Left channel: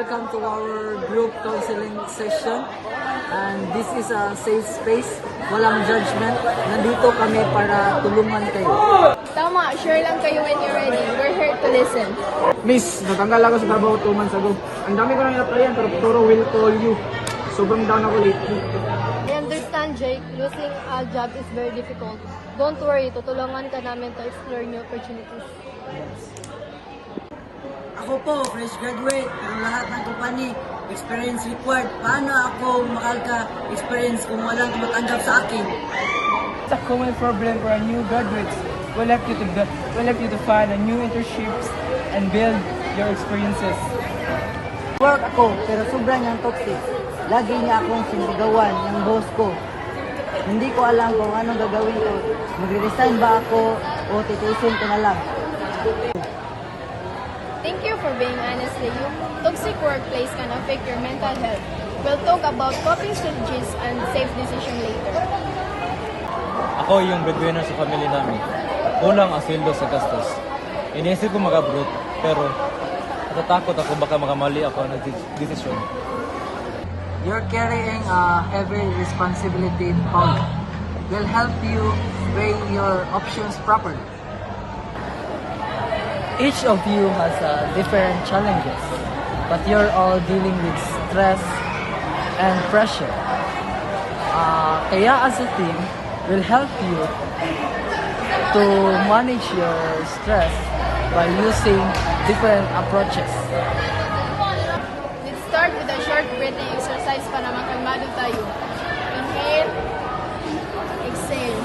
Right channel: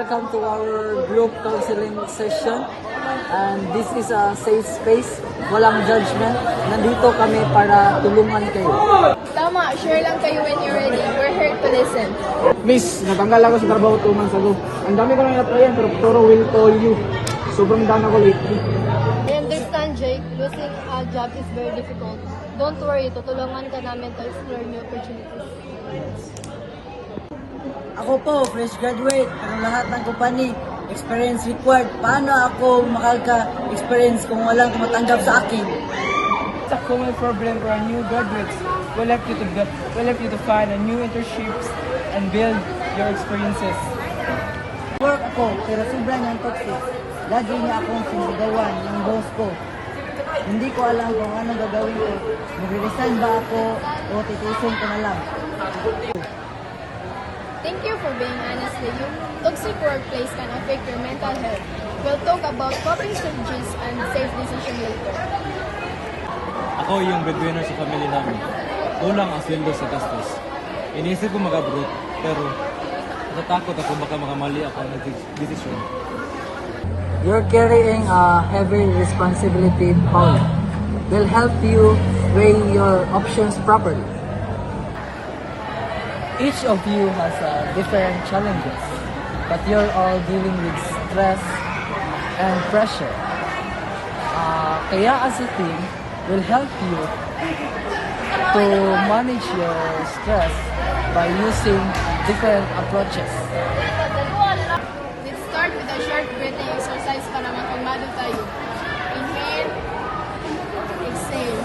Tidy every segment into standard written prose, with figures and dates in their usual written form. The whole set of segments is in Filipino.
Welcome to our group counseling session, and this is a safe space, walang judgment. Nandito kami para tulungan kayo. Tama, share lang kayo when you're ready. We're here to listen. Miss, natanggal ako sa trabaho 2 months ago. Ang dami ko nang na-applyan pero Toro will call you. Sobrang down ako lately. I understand, Jay. Losing a job is very difficult. Don't worry, tutulungan ka namin to explore new opportunities. Ako po, fresh graduate, pero lahat ng company, experience required. Paano ako makaka-experience kung walang tumatanggap sa akin? It's a common problem for our new graduates. We'll help you to find a new internships and build your experiences. Work ako, pero sobrang niyang toxic. Lagi niya akong sinisigawan ng boss ko. Hindi ko alam kung anong gagawin ko. Magre-resign ba ako o titusin ko na lang? Thank you for being honest with you. Toxic workplace can affect your mental health. We'll talk about coping strategies and safe decision later. Ako yung breadwinner sa family namin. Kulang ang sweldo sa gastos. Iniisip ko mag-abroad, pero natatakot ako baka makamali ako ng desisyon. You're carrying a heavy responsibility, Paul. We'll help you weigh your options properly. Each of you has different challenges, but you're all dealing with stress and pressure. Kaya as a team, we'll help you to manage your stress by using different approaches. Let's start with a short breathing exercise para makalmado tayo. Inhale, exhale.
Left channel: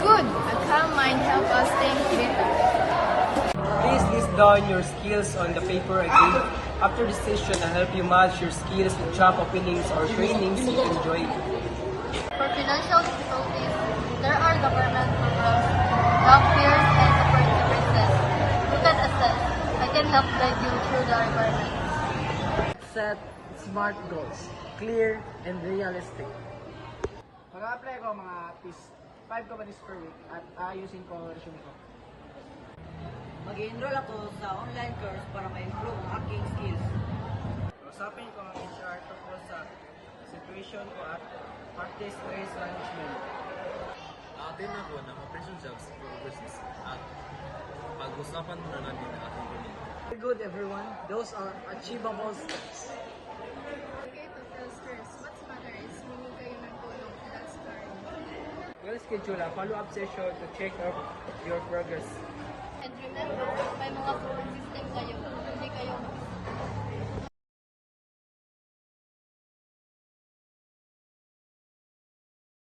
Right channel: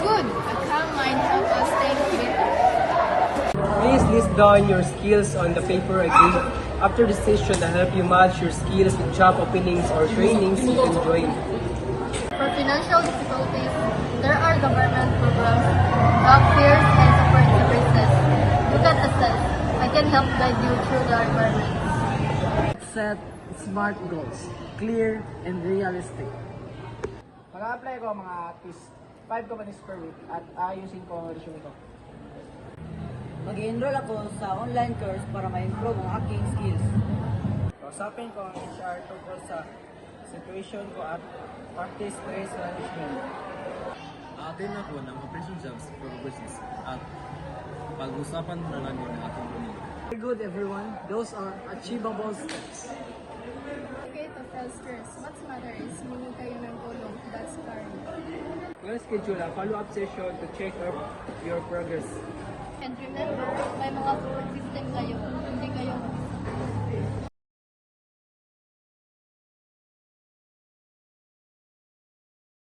Good! A calm mind helps us think better. Please list down your skills on the paper I gave. After the session, I'll help you match your skills with job openings or trainings you can join. For financial difficulties, there are government programs, job fairs, and support services. You can assess. I can help guide you through the requirements. Set smart goals, clear and realistic. Mag-apply ko mga 5 companies per week at ayusin ko ang resume ko. Mag-enroll ako sa online course para ma-improve ang aking skills. Kausapin ko ang HR tungkol sa situation ko at practice stress management. Atin ako ng operation jobs for overseas at pag-usapan na namin ang ating pamilya. Very good, everyone. Those are achievable steps. Okay, to tell first. What's matter is humingi kayo ng tulong. That's current. We'll schedule a follow-up session to check up your progress. And remember, may mga forward system kayo. Hindi kayo